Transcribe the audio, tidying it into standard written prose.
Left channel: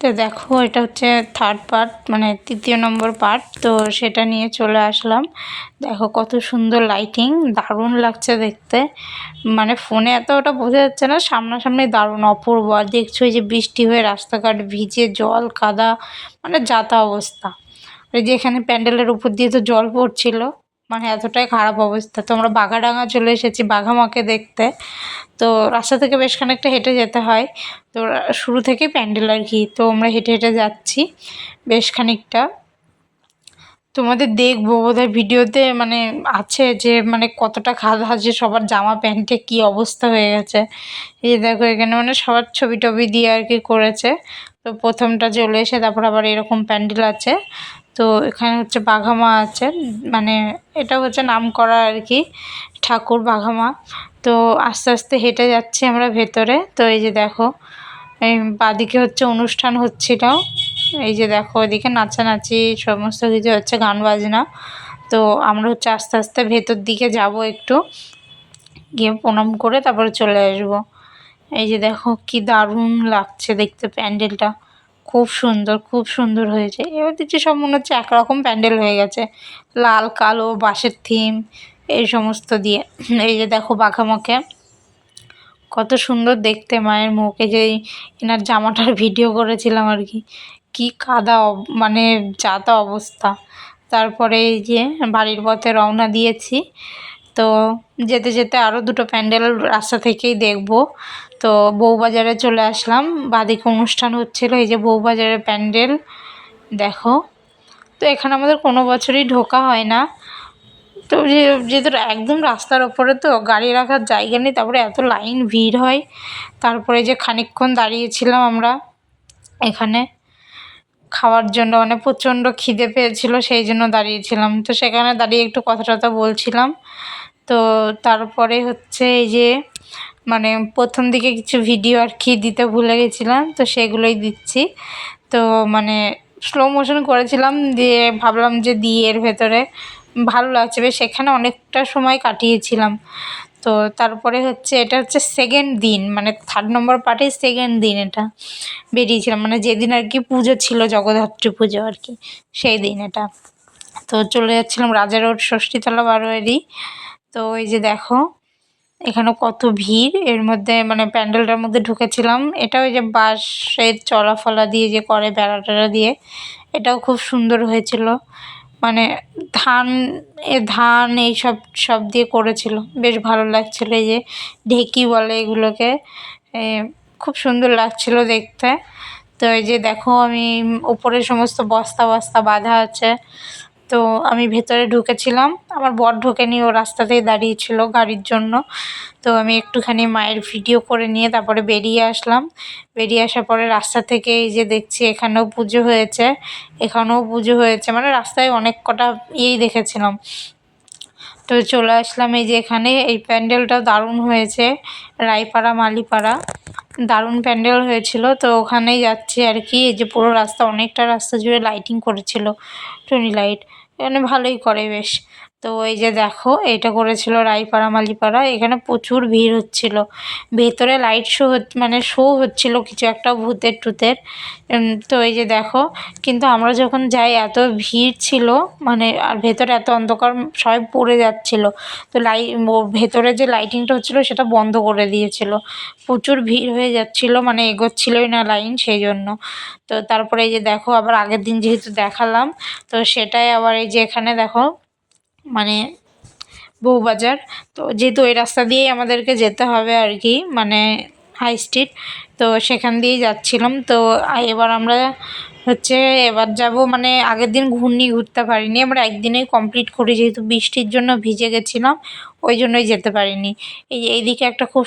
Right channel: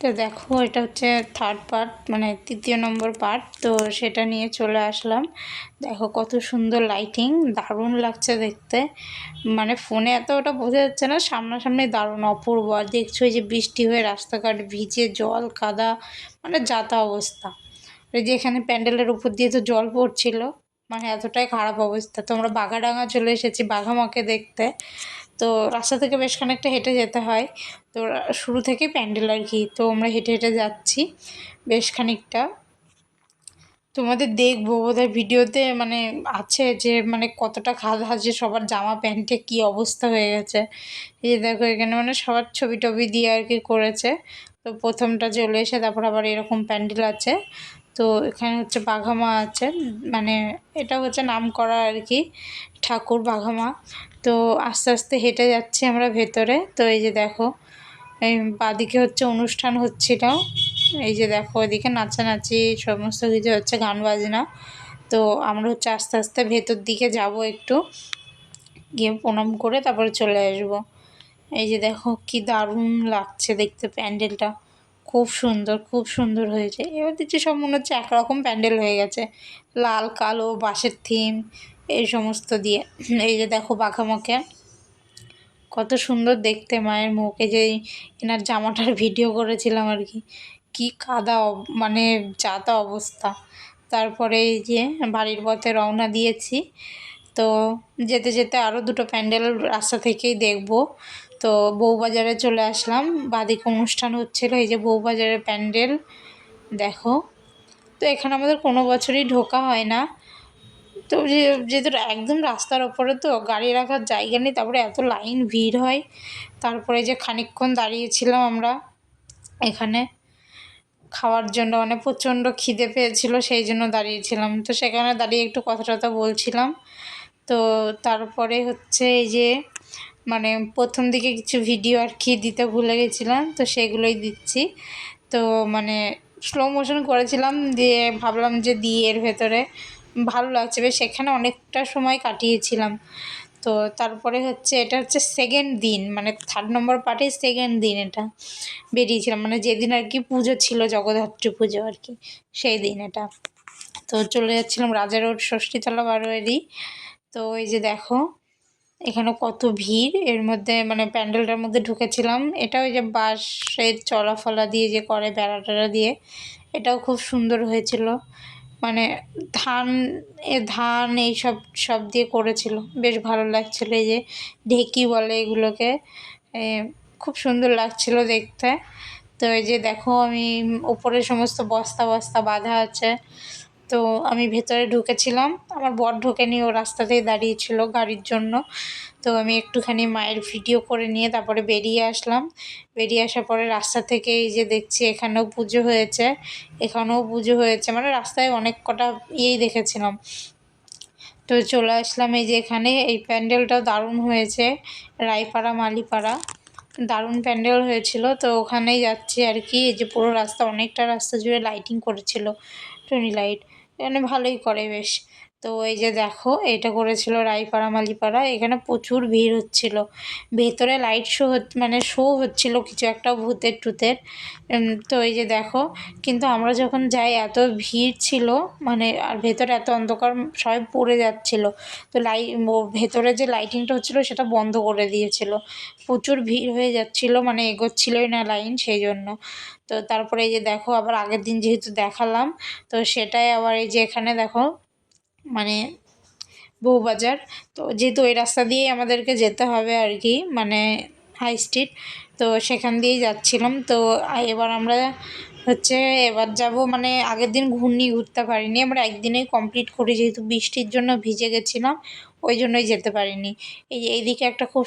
তো দেখো এটা হচ্ছে থার্ড পার্ট, মানে তৃতীয় নম্বর পার্ট। তো সেটা নিয়ে চলে আসলাম। দেখো কত সুন্দর লাইটিং, দারুণ লাগছে দেখতে। মানে ফোনে এত ওটা বোঝা যাচ্ছে না, সামনাসামনি দারুণ অপূর্ব। আর দেখছো এই যে বৃষ্টি হয়ে রাস্তাঘাট ভিজে জল কাদা, মানে যাতা অবস্থা। এই যে এখানে প্যান্ডেলের উপর দিয়ে তো জল পড়ছিল, মানে এতটাই খারাপ অবস্থা। তো আমরা বাঘাডাঙ্গা চলে এসেছি বাঘামাকে দেখতে। তো রাস্তা থেকে বেশ খানিকটা হেঁটে যেতে হয়। তো শুরু থেকেই প্যান্ডেল আর কি। তো আমরা হেঁটে হেঁটে যাচ্ছি বেশ খানিকটা। তোমাদের দেখবো বোধহয় ভিডিওতে, মানে আছে যে মানে কতটা খাদা আছে, সবার জামা প্যান্টে কী অবস্থা হয়ে গেছে। এই দেখো এখানে মানে সবার ছবি টবি দিয়ে আর কি করেছে। তো প্রথমটা চলে এসে তারপর আবার এরকম প্যান্ডেল আছে। তো এখানে হচ্ছে বাঘামা আছে, মানে এটা হচ্ছে নাম করা আর কি ঠাকুর বাঘামা। তো আস্তে আস্তে হেঁটে যাচ্ছি আমরা ভেতরে। তো এই যে দেখো এই বাঁদিকে হচ্ছে অনুষ্ঠান হচ্ছিল। এই যে দেখো ওইদিকে নাচানাচি সমস্ত কিছু হচ্ছে, গান বাজনা। তো আমরা হচ্ছে আস্তে আস্তে ভেতর দিকে যাব, একটু গিয়ে প্রণাম করে তারপরে চলে আসবো। এই যে দেখো কি দারুণ লাগছে দেখতে প্যান্ডেলটা, খুব সুন্দর খুব সুন্দর হয়েছে। এবার দেখছি সব মনে হচ্ছে একরকম প্যান্ডেল হয়ে গেছে, লাল কালো বাঁশের থিম এই সমস্ত দিয়ে। এই যে দেখো বাঘামাকে কত সুন্দর দেখতে মায়ের মুখ। এই যে এনার জামাটার ভিডিও করেছিলাম আর কি, কি কাদা মানে যা তা অবস্থা। তারপরে এই যে বাড়ির পথে রওনা দিয়েছি। তো যেতে যেতে আরও দুটো প্যান্ডেল রাস্তা থেকেই দেখব। তো বউবাজারে চলে আসলাম, বাদিকে অনুষ্ঠান হচ্ছিলো। এই যে বউবাজারের প্যান্ডেল দেখো। তো এখানে আমাদের কোনো বছরই ঢোকা হয় না। তো যেহেতু একদম রাস্তার ওপরে তো গাড়ি রাখার জায়গা নেই, তারপরে এত লাইন ভিড় হয়। তারপরে যে খানিকক্ষণ দাঁড়িয়েছিলাম আমরা এখানে খাওয়ার জন্য, মানে প্রচণ্ড খিদে পেয়েছিল সেই জন্য দাঁড়িয়েছিলাম। তো সেখানে দাঁড়িয়ে একটু কথা টথা বলছিলাম। তো তারপরে হচ্ছে এই যে মানে প্রথম দিকে কিছু ভিডিও আর কি দিতে ভুলে গেছিলাম, তো সেগুলোই দিচ্ছি। তো মানে স্লো মোশন করেছিলাম, দিয়ে ভাবলাম যে দিই এর ভেতরে, ভালো লাগছে বেশ। সেখানে অনেকটা সময় কাটিয়েছিলাম। তো তারপরে হচ্ছে এটা হচ্ছে সেকেন্ড দিন, মানে থার্ড নম্বর পার্টের সেকেন্ড দিন এটা বেরিয়েছিলাম, মানে যেদিন আর কি পুজো ছিল জগদ্ধাত্রী পুজো আর কি, সেই দিন এটা। তো চলে যাচ্ছিলাম রাজা রোড ষষ্ঠীতলা বারোয়ারি। তো এই যে দেখো এখানে কত ভিড়, এর মধ্যে মানে প্যান্ডেলটার মধ্যে ঢুকেছিলাম। এটাও এই যে বাঁশের চলাফলা দিয়ে যে করে বেড়া টেড়া দিয়ে, এটাও খুব সুন্দর হয়েছিল। মানে ধান এইসব সব দিয়ে করেছিল, বেশ ভালো লাগছিলো। এই যে ঢেকি বলে এগুলোকে, খুব সুন্দর লাগছিল দেখতে। তো এই যে দেখো আমি ওপরে সমস্ত বস্তা বস্তা বাঁধা আছে। তো আমি ভেতরে ঢুকেছিলাম, আমার বর ঢোকেনি, ও রাস্তাতেই দাঁড়িয়েছিল গাড়ির জন্য। তো আমি একটুখানি মায়ের ভিডিও করে নিয়ে তারপরে বেরিয়ে আসলাম। বেরিয়ে আসার পরে রাস্তা থেকে এই যে দেখছি এখানেও পুজো হয়েছে, এখানেও পুজো হয়েছে, মানে রাস্তায় অনেক কটা ইয়েই দেখেছিলাম। তো চলে আসলাম এই যে এখানে, এই প্যান্ডেলটা দারুণ হয়েছে, রায়পাড়া মালিপাড়া, দারুণ প্যান্ডেল হয়েছিল। তো ওখানেই যাচ্ছি আর কি। এই যে পুরো রাস্তা, অনেকটা রাস্তা জুড়ে লাইটিং করেছিল, টুনি লাইট, এখানে ভালোই করে বেশ। তো এই যে দেখো এটা করেছিল রায়পাড়া মালিপাড়া, এখানে প্রচুর ভিড় হচ্ছিল। ভেতরে লাইট শো মানে শো হচ্ছিল কিছু একটা ভূতের টুতের। তো এই যে দেখো, কিন্তু আমরা যখন যাই এত ভিড় ছিল, মানে আর ভেতরে এত অন্ধকার, সবাই পড়ে যাচ্ছিল। তো ভেতরে যে লাইটিংটা হচ্ছিলো সেটা বন্ধ করে দিয়েছিল, প্রচুর ভিড় হয়ে যাচ্ছিলো, মানে এগোচ্ছিলোই না লাইন সেই জন্য। তো তারপরে এই যে দেখো আবার আগের দিন যেহেতু দেখালাম, তো সেটাই আবার এই যে এখানে দেখো মানে বউবাজার। তো যেহেতু ওই রাস্তা দিয়েই আমাদেরকে যেতে হবে আর কি, মানে হাই স্ট্রিট, তো সেখান দিয়েই যাচ্ছিলাম। তো এবার আমরা হচ্ছে এবার যাব, মানে আগের দিন ঘুরতে পারিনি আমরা, একদিনেই কমপ্লিট করি, যেহেতু বৃষ্টির জন্য ভিজে গেছিলাম ওই জন্যই যেতে পারিনি। এইদিকে একটা খুব